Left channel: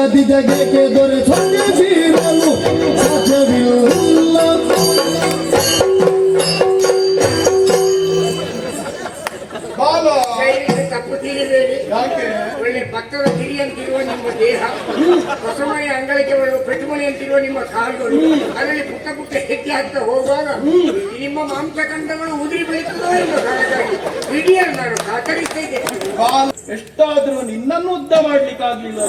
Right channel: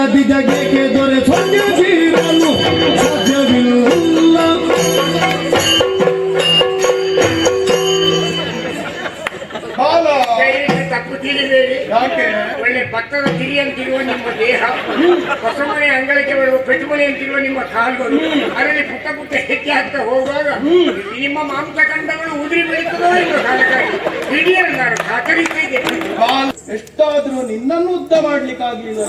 ರಗದಿ ಜಗಕ್ಕೆ ದೊರೆ ಸೊನ್ನೆ ಬೀರಲು ಸಾಧ್ಯವಿಲ್ಲ. ತಪ್ಪು ತಿಳಿಬೇಡಿ. ಯಾಕೆ? ಒಳ್ಳೆ ಭತ್ತದ ತಿರಿಯಂತಿರುವ ನಿಮ್ಮ ದೇಹ, ಹೊಸ ಮನೆ ಅಂಗಳಕ್ಕೆ ಬರುವ ಪೆಟ್ಟುಮನೆ ಅಂತಿರುವ ನಿಮ್ಮ ಕಾಲುಗಳು, ಅದರಲ್ಲಿ ಪುಟ್ಟ ಪುಟ್ಟ ಹೆಜ್ಜೆ ಹಾಕ್ತಾ ಹೋಗುವಾಗ ನಿಮ್ಮ ಮಾಂಸಖಂಡಗಳು ಉದುರಿ ಬೆಳೀತದೋ ಎಂಬ ಕಾರಣಕ್ಕಾಗಿ ಇಡೀ ನಾನು ಕಾತರಿಸ್ತಾ ಇದ್ದೆ. ಎಷ್ಟಾದ್ರೂ ನಿನ್ನನ್ನು ಉದ್ದ ಮಾಡ್ಲಿಕ್ಕಾಗ್ಲಿಲ್ಲ.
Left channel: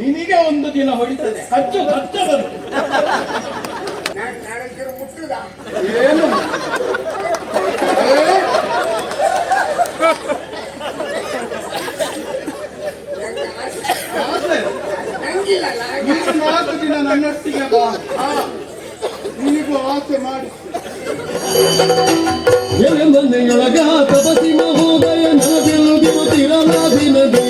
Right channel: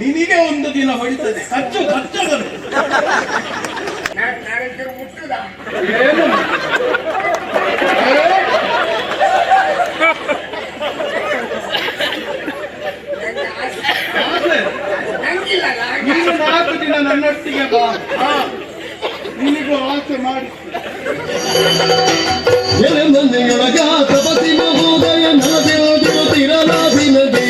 ನಿನಗೆ ಒಂದು ದಿನ ಹೊಡಿತದೆ. ಕಚ್ಚು ಕಚ್ಚಗರು ಮುಟ್ಟುದ ಏನು ನೀನು 4 ದಿನ ನನ್ನೊಟ್ಟಿಗೆ ಬಾ, ನಿನಗೂ ಆಸೆ ಮಾಡಿ. ಎಲೆಯೊಳಗ ತಪಸಿ ಮಹೋದಯ ನಾದಿರುತ್ತಿರಲಾದಿ ನದಿ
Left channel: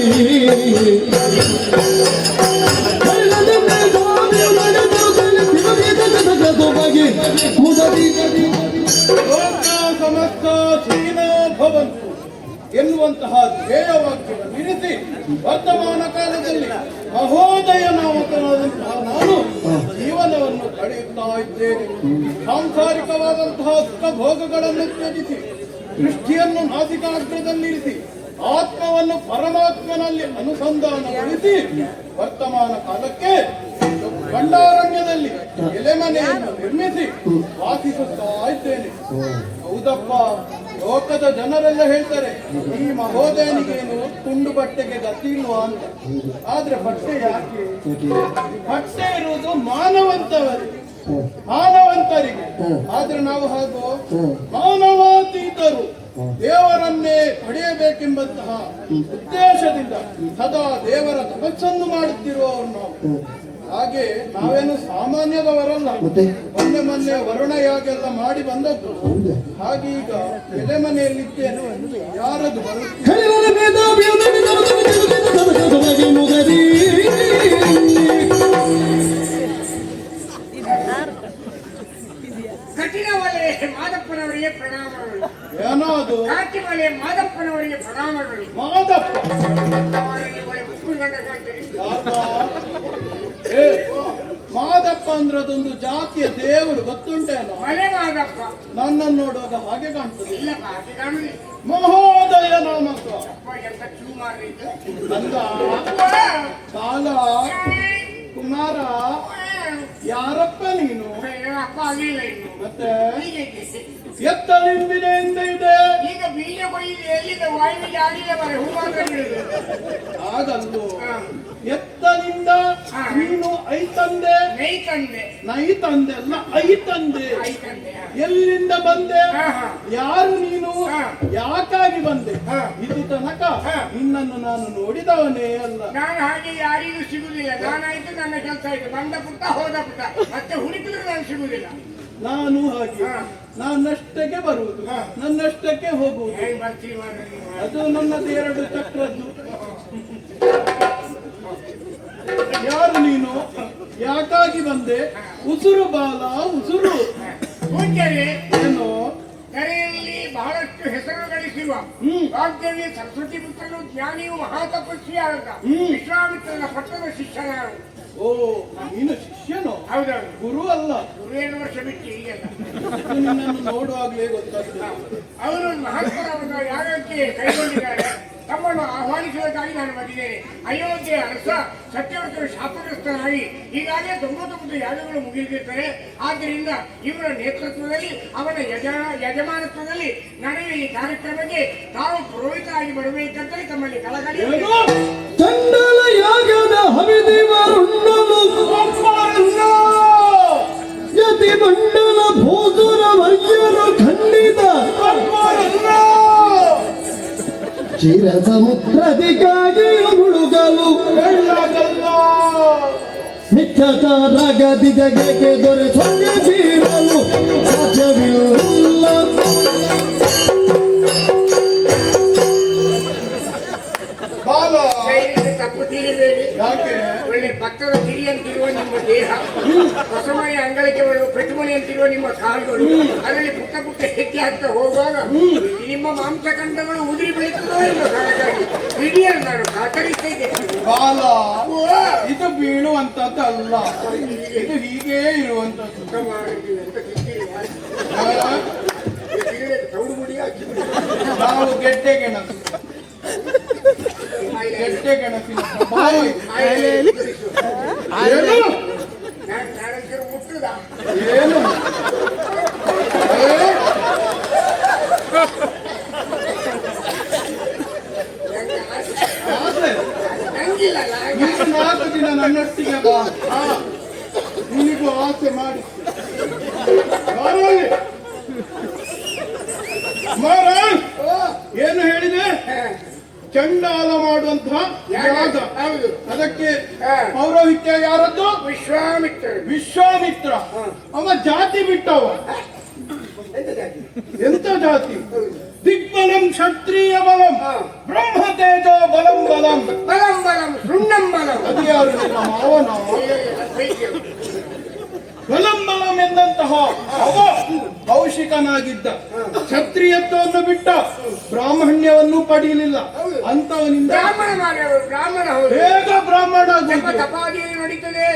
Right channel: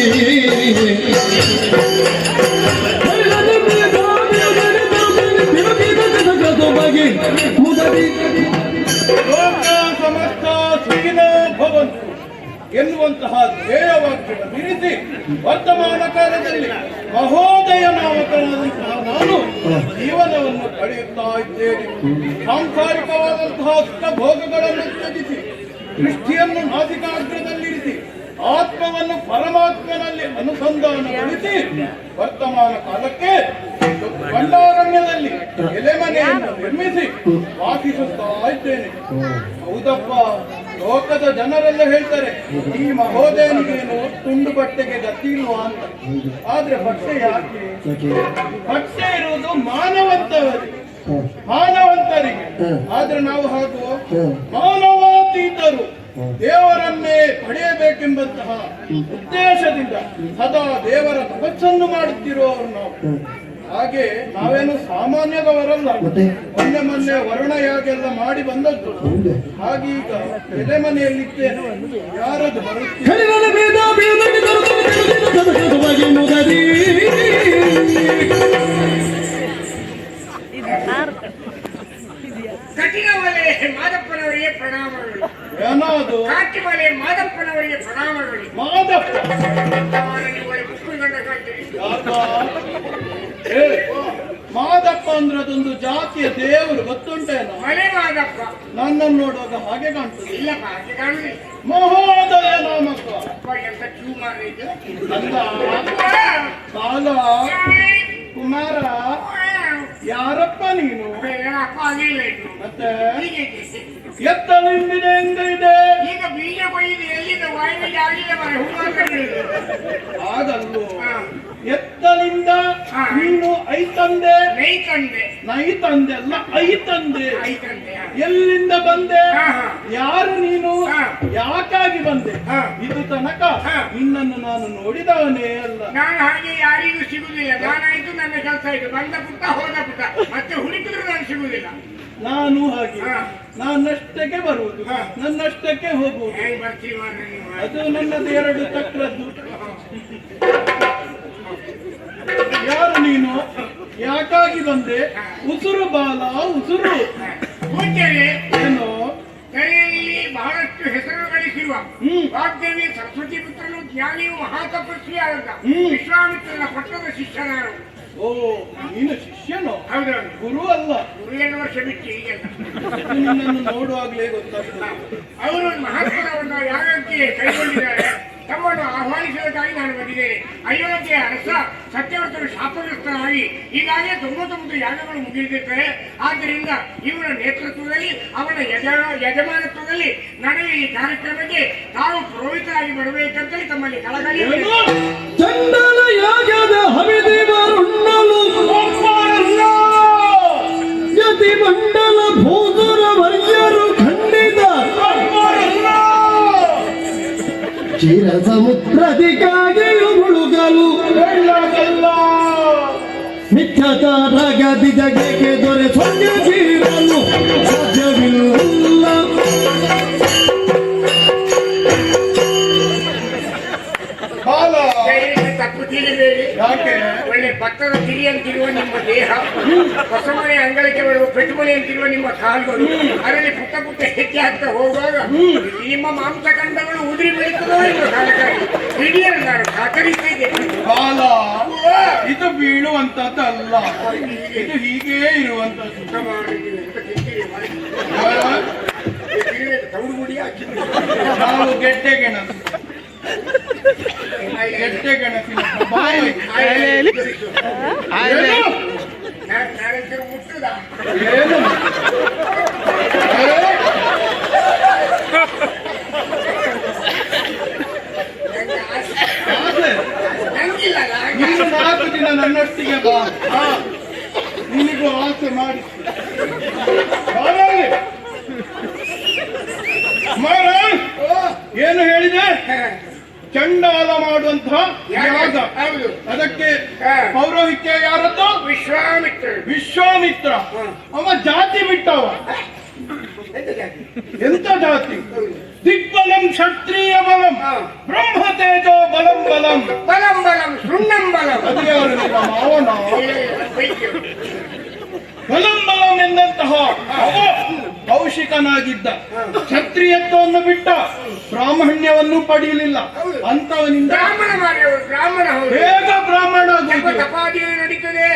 ಲೋಕ ಸಮಸ್ತ ಸುಖಿನೋ ಭವಂತು ಎನ್ನುವಂತಹ ಧ್ಯೇಯವಾಕ್ಯವನ್ನು ಇರಿಸಿ ವರ್ತಮಾನ ಕಾಲದಲ್ಲಿ ಮಹೋದಯ ನಾಮಕನಾದಂತಹ ನಾನು ಜೀವನವನ್ನು ಕಳೆಯುತ್ತಾ ಇದ್ದೇನೆ. ಸಾಂಸಾರಿಕವಾದಂತಹ ಸುಖ ಭೋಗಗಳನ್ನು ತ್ಯಜಿಸಿ ದೃಷ್ಟಿಯನ್ನು ನಾಸಿಕಾಗ್ರದಲ್ಲಿರಿಸಿ ಆತ್ಮವನ್ನು ಪರಮಾತ್ಮನಲ್ಲಿ ಅನುಸಂಧಾನಗೊಳಿಸಿ ವರ್ತಮಾನ ಕಾಲಕ್ಕೆ ಭಂಡಾರಣ್ಯದಲ್ಲಿ ಎಲೆಮನೆಯನ್ನು ನಿರ್ಮಿಸಿ ವಾಸಿಸುತ್ತಾ ಇದ್ದೇನೆ. ಹೌದಪ್ಪ, ಲೋಕದ ಜನರೆಲ್ಲ ಹೇಳ್ತಾರೆ ಈ ಮಹೋದಯನಿಗೇನು ತುಂಡು ಬಟ್ಟೆಗೆ ಗತಿ ಇಲ್ವಾ ಅಂತ. ಆದ್ರೆ ಬಟ್ಟೆ ಯಾಕೆ? ಬಟ್ಟೆ ಇರುವುದು ಮಾನವಂತರಿಗೆ. ಆದ್ರೆ ನಾವು ಹಾಗೂ ಮಾನವಾತೀತರು ದೇವರನ್ನೇ ಪಡೆಯಬೇಕೆಂಬಂತಹ ಉದ್ದೇಶದಿಂದ ಸದಾ ದೇವರ ತಪಸ್ಸನ್ನು ಮಾಡುತ್ತಿರುವವರು ನಾವು. ಹಾಗೆ ನಾವೇನು ಸಾಮಾನ್ಯದವರಲ್ಲ. ಮೊನ್ನೆ ವರುಣ ಯಾಗೆಲ್ಲ ಮಾಡಿ ಬಂದದ್ದು. ಹಾಗೀಗ ಎಲೆ ಮನೆಯಲ್ಲಿದ್ದೇನೆ. ಯಾರದು ಕಠಿಣವಲೆ ಮಾದಪ್ಪನವರಿಗೆ ಪ್ರಣಾಮಗಳು. ಏನೋ ಅದು ಕಾಟಿಮಲೆ ಮಾದಪ್ಪನವರಿಗೆ ಪ್ರಣಾಮಗಳು. ಮಾದಪ್ಪ ಮಾದಪ್ಪ ಅಂದ್ರೆ ಅದೊಂದು ಜಾತಿಯ ದೇವರು, ಗೊತ್ತುಂಟೇನೋ? ಮಲೆ ಮಾದಪ್ಪ. ನನ್ನನ್ನು ನೋಡುವಾಗ ಹಾಗೆ ಕಾಣ್ತದೆ. ಇಲ್ಲಪ್ಪ, ಹಾಗೆ ಕಾಣುದಿಲ್ಲ. ಮಹೋದಯ ನಾಮಕ ಎಂತ ಚೂ ಮಾಡಿದ್ದು ಕಾಲ ಕುಮಾರ. ಯಾರಪ್ಪ ನೀನು? ಅಪ್ಪ ಆಗಿಲ್ಲ ಮತ್ತೆ ಎತ್ತ ನಿಂಬಿದೆ ಹೆಂಗಿದೆ? ಈಗ ಬೀಜ ಕೊಯ್ದು ಎಲ್ಲಿದೆ? ವಾಯುವಿಗೆ ಆಗಿಲ್ಲ ಮರೆ ಹೂ ಆಗಲ್ಲು. ಎತ್ತನಿಂದ ನೀನು ಐತಂದೆ? ನೈತಂದೆ ಅಲ್ಲ, ಐತಂದೆ. ಎಲ್ಲಿಂದ ಬಂದೆ? ಯಾರು ನೀನು? ಯಾಕಾಗಿ ಬಂದೆ? ಇದು ತನಕ ನಿನ್ನನ್ನು ನಾನು ನೋಡಿದವನೇ ಅಲ್ಲ. ನಾನು ಹಾಗೆ ಯಾರಿಗೂ ಸಿಗುದಿಲ್ಲ. ನಾನಾಯ್ತು, ನನ್ನ ಕೆಲಸ ಆಯ್ತು. ಬಂದ ಪುಟ್ಟ ಹೋದ ಪುಟ್ಟ, ಮತ್ತೆ ಹುಡುಕಿದ್ರು ನಾನು ಸಿಗುದಿಲ್ಲ. ನಾನು ಹಾಗೆ ನನ್ನಷ್ಟಕ್ಕೆ ಬರುವುದು, ನನ್ನಷ್ಟಕ್ಕೆ ಹೋಗುವುದು. ಅದು ನನ್ನದು 2 ಚಕ್ರದ್ದು. ಯಾರು ನೀನು? ಯಾಕಾಗಿ ಬಂದೆ? ಉಸುರು ಬಾಲ ಉಸುರು. ಏನು? ಕರೆಯಲ್ಲಿ ಬಹಳಷ್ಟು ಹೆಸರು ಗಳಿಸಿರುವ ವಾಗ್ದೇವಿ ಸರಸ್ವತಿ ಪುತ್ರನು ಜ್ಞಾನಿಯು ಮಹಾತಪಸ್ವಿಯಾದ ವಿಶ್ವಾಮಿತ್ರನ ಪಟ್ಟದ ಶಿಷ್ಯನಾರು. ಓ, ನೀನು ಶಿಷ್ಯನು? ಹೌದೌದು. ಗುರು ಅಲ್ಲ. ಗುರು 2 ವರ್ಷ ಬಿಟ್ಟು ಈಗೆಲ್ಲ ನಿನ್ನನ್ನು ನೋಡುವಾಗಲೇ ಗೊತ್ತಾಗ್ತದೆ. ಅವರು ಮಹತ್ವವನ್ನು ಯಾಗಕ್ಕೆ ಕೈಗೊಂಡಿದ್ದಾರೆ. ತಮ್ಮನ್ನು ಆಹ್ವಾನಿಸುವುದಕ್ಕಾಗಿ ನಾನು ಬಂದಿದ್ದೇನೆ. ಅಯೋಧ್ಯೆಯ ಅರಸ ಸತ್ಯವಂತರು ಶಾಪಗ್ರಸ್ತರಾಗಿ ಈಗಾಗಲೇ 99 ಯಾಗಗಳು ಮುಗಿದಿರುತ್ತವೆ. ಆದ್ದರಿಂದ ಇವರ ನೇತೃತ್ವದಲ್ಲಿ, ಅವನ ಯಜಮಾನತ್ವದಲ್ಲಿ ನಡೆಯುವ ಈ ಕಾರ್ಯಕ್ರಮಕ್ಕೆ ತಾವು ಪುರೋಹಿತರಾಗಿ ಬರಬೇಕಂತಲೇ ತಮ್ಮಲ್ಲಿ ಕಳಕಳಿ. ಚಿರ ಸಮುದ್ರದಿಗಾಗಿಯೂ ಹುಡುಗಲು ನಿತ್ಯತ ರಗದಿ ಜಗಕ್ಕೆ ದೊರೆ ಸೊನ್ನೆ ಬೀರಲು ಸಾಧ್ಯವಿಲ್ಲ. ತಪ್ಪು ತಿಳಿಬೇಡಿ. ಯಾಕೆ? ಒಳ್ಳೆ ಭತ್ತದ ತಿರಿಯಂತಿರುವ ನಿಮ್ಮ ದೇಹ, ಹೊಸ ಮನೆ ಅಂಗಳಕ್ಕೆ ಬರುವ ಪೆಟ್ಟುಮನೆ ಅಂತಿರುವ ನಿಮ್ಮ ಕಾಲುಗಳು, ಅದರಲ್ಲಿ ಪುಟ್ಟ ಪುಟ್ಟ ಹೆಚ್ಚೆ ಆಗ್ತಾ ಹೋಗುವಾಗ ನಿಮ್ಮ ಮಾಂಸಖಂಡಗಳು ಉದುರಿ ಬೆಳೀತದೋ ಇಲ್ಲೋ ಕಾರಣಕ್ಕಾಗಿ ಇಡೀ ನಾನು ಕಾತರಿಸ್ತಾ ಇದ್ದೇನೆ. ಕಾಲ ಇದು ಬೀಳುವಂತದ್ದಲ್ಲ, ಇದು ಹೀಗೇ ಇರುವಂತದ್ದು. ಊಟ ಮಾಡಿದ್ದೀವಿ, ಊಟ ತಿಂತೀರಿ ಮಾಡಿ. ಆ, ತೌಡು ಮುಡಿ ಹಾಕಿ ನಾವು ಗೆಡ್ಡೆ ಗೆಣಸು, ಗೆಡ್ಡೆ ಗೆಣಸಿನ ಸ್ವಭಾವ. ಏನು? ನಾನಂತರೂ ಮುಟ್ಟದ ಏನು? ಆಸೆ? ನಂಗಿಲ್ಲಲ್ಲ ನೀನು 4 ದಿನ ನನ್ನೊಟ್ಟಿಗೆ ಬಾ, ನಿನಗೂ ಆಸೆ ಮಾಡಿ. ಏನು ಹೇಳಿದೆ? ಚಂಡಾಲ ಮಾಡುವಂತಹ ಯಾಗ, ಹೌದು ಅದಕ್ಕೆ ಪೌರೋಹಿತ್ಯ ಯಾರದ್ದು? ವಿಶ್ವಾಮಿತ್ರ. ವಿಶ್ವಾಮಿತ್ರ. ಅವ ಜಾತಿ ಬಿಟ್ಟವ. ಎಂತ ಜಾತಿ? ದಿಗ್ಬಲಂ ಕ್ಷತ್ರಿಯ ಬಲಂ ಬ್ರಹ್ಮ ತೇಜೋ ಬಲಂ ಬಲಂ ಬಲಂ ಬಲಂ ಶೃಂಗಂ ಬಲಂ. ಅದು ಯಾರು? ನಿಮ್ಮ ಮಾವನ. ಬಲಂ ಬಲಂ ಎಂದಂತಹ ಅವ ಕೌಶಿಕನಾಗಿದ್ದ, ಕ್ಷತ್ರಿಯತ್ವವನ್ನು ಬಿಟ್ಟ, ಬ್ರಾಹ್ಮಣ್ಯವನ್ನು ಪಡೆಯಲಿಲ್ಲ. ಅಂತವನಿಂದ ಬ್ರಾಹ್ಮಣ ಮಾರ್ಯವರು ಬ್ರಾಹ್ಮಣ ಹೌದು. ಹೇಗ ಬ್ರಾಹ್ಮಣ ಜಪ ಆಗುವುದು? ತಪಾದಿಯಲ್ಲಿ ನಡೀತದೆ,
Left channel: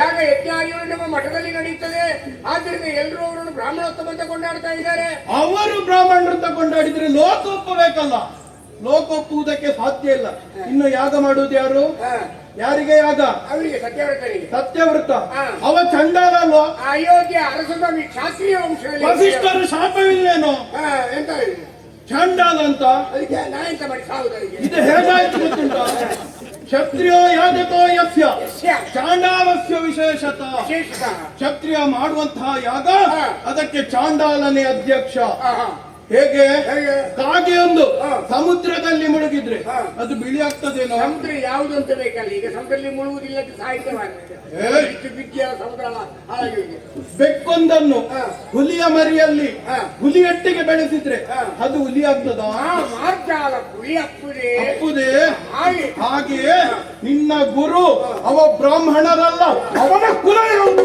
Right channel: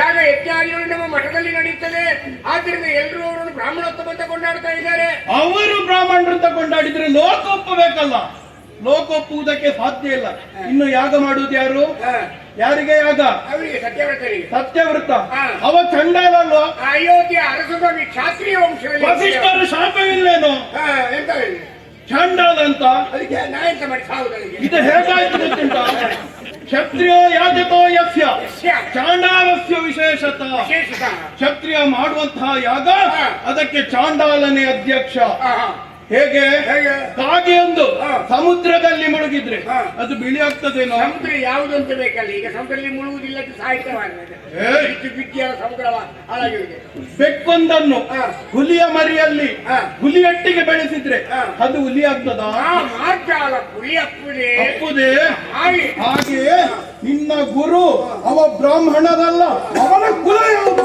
ಯಾಗ ಯಜ್ಞಾದಿಗಳು ನಮ್ಮ ಮಠದಲ್ಲಿ ನಡೀತದೆ. ಆದ್ರಿಂದ ಎಲ್ಲರೂ ಅವರನ್ನು ಬ್ರಾಹ್ಮಣೋತ್ತಮ ಅಂತ ಕೊಂಡಾಡ್ತಾ ಇದ್ದಾರೆ. ಅವರು ಬ್ರಾಹ್ಮಣರು ತಗೊಂಡಾಡಿದ್ರೆ ಲೋಕ ಒಪ್ಪಬೇಕಲ್ಲ, ಲೋಕ ಒಪ್ಪುವುದಕ್ಕೆ ಸಾಧ್ಯ ಇಲ್ಲ. ಇನ್ನು ಯಾಗ ಮಾಡುವುದು ಯಾರು? ಯಾರಿಗೆ ಯಾಗ? ಅವರಿಗೆ ಸತ್ಯವ್ರತರಿಗೆ. ಸತ್ಯವ್ರತ. ಅವ ಚಂಡಾಲ ಅಲ್ವಾ? ಅಯೋಧ್ಯೆ ಅರಸಸ್ವಾಮಿ ಕ್ಷಾತ್ರಿಯ ವಂಶದಲ್ಲಿ ವಸಿಷ್ಠರು ಶಾಪವಿಲ್ಲೇನೋ ಎಂತ ಹೇಳಿ ಚಂಡಾಲ ಅಂತ? ಅದಕ್ಕೆ ನಾ ಎಂತ ಮಾಡಿ ಸಾವುದರಿಗೆ ಇದು ಹೇಗಾಯ್ತು ಗೊತ್ತುಂಟ? ಕ್ಷತ್ರಿಯೋ ಯಾಜಕೋ ಯಸ್ಯ ಚಾಂಡಾಲಸ್ಯ ವಿಶೇಷತಃ. ವಿಶೇಷತಃ ಕ್ಷತ್ರಿಯ ಮಾಡುವಂತಹ ಯಾಗ, ಅದಕ್ಕೆ ಚಾಂಡಾಲನೇ ಅಧ್ಯಕ್ಷ. ಹೇಗೆ? ಕಾಗೆಯೊಂದು ಸಮುದ್ರದಲ್ಲಿ ಮುಳುಗಿದ್ರೆ ಅದು ಬಿಳಿ ಆಗ್ತದೇನೋ? ಸಮುದ್ರ ಯಾವುದು ಅಂತ ಬೇಕಲ್ಲ. ಈಗ ಸಮುದ್ರದಲ್ಲಿ ಮುಳುಗುವುದಿಲ್ಲ, ಸಾಹಿತ್ಯವಾಗಿದೆ. ಬಿದ್ದಿಯ ಸಮುದ್ರ ಹಾಳಾಗಿದೆ. ಬೆಕ್ಕೊಂದನ್ನು ಹುಲಿಯ ಮರಿಯಲ್ಲಿ ಹುಲಿಯೊಟ್ಟಿಗೆ ಬೆಳೆಸಿದ್ರೆ ಅದು ಹುಲಿ ಆಗ್ತದ? ಮಾರ್ಜಾಲ ಹುಲಿ ಅಪ್ಪುದೇ ಅಪ್ಪುದೇ. ಹಾಗೆ ಹಾಗೆ ನಿನ್ನ ಗುರು ಅವ ಬ್ರಾಹ್ಮಣರಲ್ಲ, ಅವನ ಕುಲ ಯಾವುದು?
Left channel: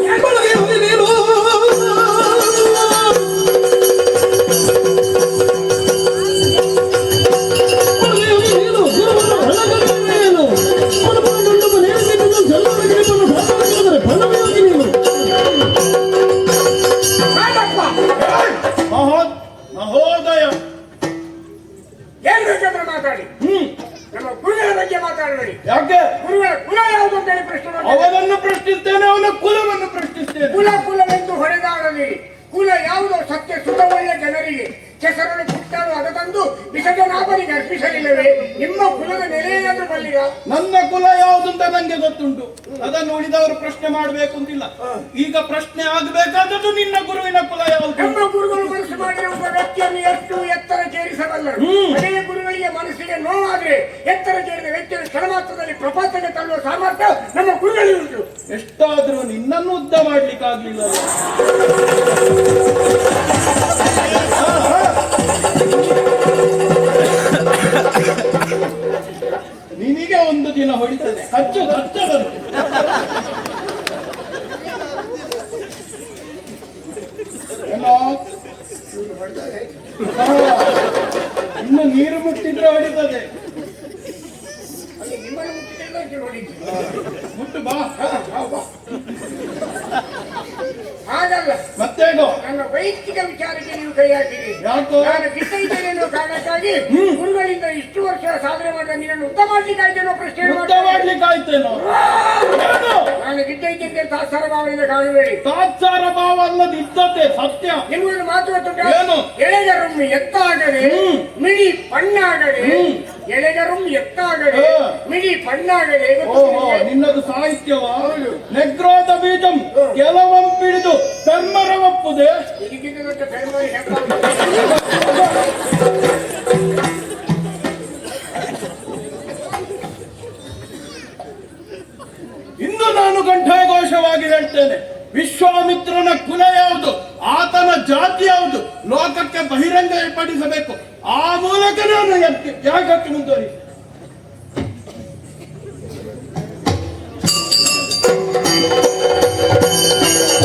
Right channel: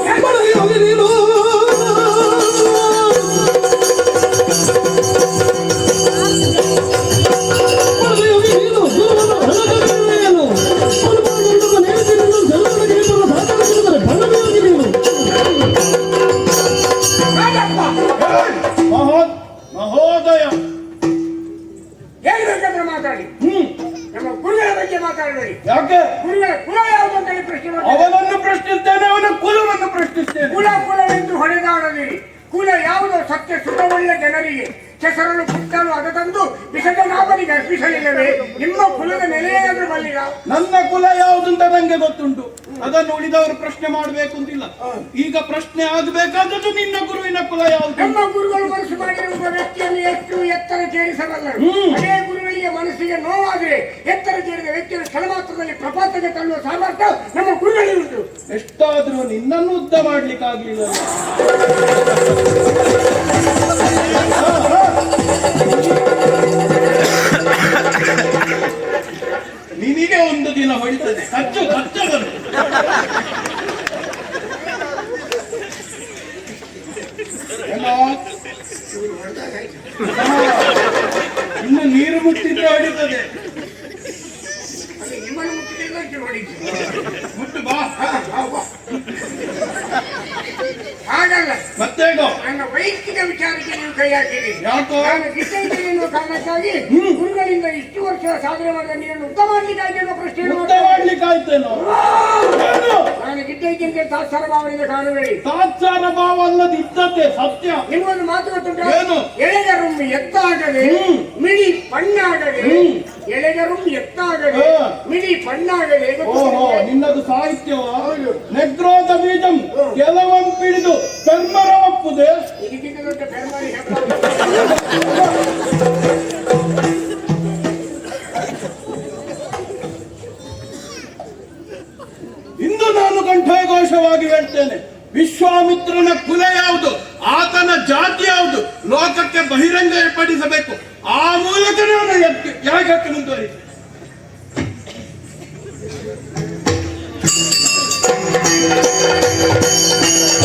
ಮಹೋದಯ ಏನ್ ಬೇಕಾದ್ರೆ ಮಾತಾಡಿ. ನಮ್ಮ ಗುರುಗಳ ಬಗ್ಗೆ ಮಾತಾಡಬೇಡಿ. ಯಾಕೆ? ಗುರುಗಳ ಕುಲ ಯಾವುದು ಅಂತ ಹೇಳಿ ಪ್ರಶ್ನೆ ಮಾಡಿ. ಅವನನ್ನು ಪ್ರಶ್ನಿಸ್ತೇನೆ, ಅವನ ಕುಲವನ್ನು ಪ್ರಶ್ನಿಸ್ತೇನೆ. ಕುಲವೆಂದು ಹೊಡೆದಾಡದಿರಿ. ಕುಲ ಯಾವುದೋ ಸತ್ಯ ಸುಖ ಒಳ್ಳೆ ಜನರಿಗೆ ಕೆಸರಲು ಪುಟ್ಟಲು ಅದ ತಂದು ವಿಷದ ನಾಪನಿಗೆ ಅರ್ಪಿಸಲಿಲ್ಲವೇ? ನಿಮ್ಮ ಕುಲದ ನೆಲೆಯಾದ್ರೂ ಬಲ್ಲಿಗ. ನನ್ನ ಕುಲ ಯಾವುದಂತ ನಂಗೆ ಗೊತ್ತುಂಟು, ಅದನ್ನು ಉಳಿದವರು ಪ್ರಶ್ನೆ ಮಾಡಬೇಕು ಅಂತಿಲ್ಲ. ಈಗ ಪ್ರಶ್ನೆ ಆಗಬೇಕಾದದ್ದು ನಿನ್ನ ಗುರುವಿನ ಕುಲ ಯಾವುದು? ನಮ್ಮ ಗುರುಗಳು ಮನಸ್ಸು ಮಾಡಿದ ಒಬ್ಬ ವ್ಯಕ್ತಿಯನ್ನು ಎಷ್ಟು ಎತ್ತರ ಸೇರಿಸಬಲ್ಲರು. ಅದೇ ಗುರುಗಳಿಗೆ ಮನಸ್ಸಿಗೆ ನೋವಾದ್ರೆ ಎತ್ತರ ಸೇರಿದ ವ್ಯಕ್ತಿಯನ್ನು ಕ್ಷಣ ಮಾತ್ರದಲ್ಲಿ ಪ್ರಪಾತಕ್ಕೆ ತಳ್ಳುವ ಸಾಮರ್ಥ್ಯ ನಮ್ಮ ಗುರುಗಳಿಗೆ ಉಂಟು. ಎಷ್ಟಾದ್ರೂ ನಿನ್ನನ್ನು ಉದ್ದ ಮಾಡ್ಲಿಕ್ಕಾಗ್ಲಿಲ್ಲ. ನಿನಗೆ ಒಂದು ದಿನ ಹೊಡಿತದೆ, ಕಚ್ಚು ಕಚ್ಚದನು. ಇನ್ನು ನೀರು ಮುಟ್ಟಿದ್ರೆ ಹೊಡಿತದೆ. ನಿಮ್ಮನ್ನು ಮುಟ್ಟಿದ್ರೆ ಹೊಡಿತು. ಮುಟ್ಟು ಬಾ. ಹಾಗಲ್ಲ, ಮತ್ತೇಗೋ ನನ್ನ ವೈಯಕ್ತಿಕ ವಿಚಾರಕ್ಕೆ ನೀವು ಕೈ ಹಾಕಿರಿ. ಯಾಕೋ? ನಾನು ಗಿಟ್ಟೈತೇನೆ ಎನ್ನುವ ಕಾರಣಕ್ಕಾಗಿ ಗುರುಗಳಿಂದ ಇಷ್ಟು ವರ್ಷ ಸಾಧನೆ ಮಾಡಿದ ನೀರನ್ನು ಉತ್ತ ಮಾಡ್ಲಿಕ್ಕಾಯ್ತು ಅನ್ನೋ ಪ್ರಶ್ನೆ ಮುಕ್ತ ಮಾಡ್ಲಿಕ್ಕಾಯ್ತೇನೋ? ನಾನು ಗಿಟ್ಟೈತೆ ತಾತ್ಸಾರ ಭಾವದಿಂದ ಕಾಣಬೇಡಿ. ತಾತ್ಸಾರ ಭಾವ ಅಲ್ಲದ ಇದ್ದದ್ದೇ ಸತ್ಯ. ಇನ್ನೊಂದು ಮಾತು ಗೊತ್ತುಂಟ. ಏನು? ಎಳೆಗರುಂ ಎತ್ತಾಗದೆ ಮಿಡಿ ಪಣ್ಣಾಗದೆ. ಎಳೆಗರುಂ ಎತ್ತಾಗದೆ ಮಿಡಿ ಪಣ್ಣಾಗದೆ. ಓಹೋ, ನಿನ್ನದು ಸಾಹಿತ್ಯವ? ನೆಗ್ರೋಧ ಬೀಜಂ ಕೆಲವಂ ಪಿಡಿದು ಕರ್ಮರ ಒಪ್ಪುದೆ. ಇದಕ್ಕಿಂತ ದೊಡ್ಡ ಕರ್ಮ ಇಂದು ನಾನು ಕಂಠಘೋಷವಾಗಿ ಹೇಳ್ತೇನೆ, ವಿಶ್ವಾಮಿತ್ರನ ಕುಲ ಯಾವುದು, ಆತನ ಜಾತಿ ಯಾವುದು ಲೋಕಕ್ಕೆ ಬಹಿರಂಗಪಡಿಸಬೇಕು.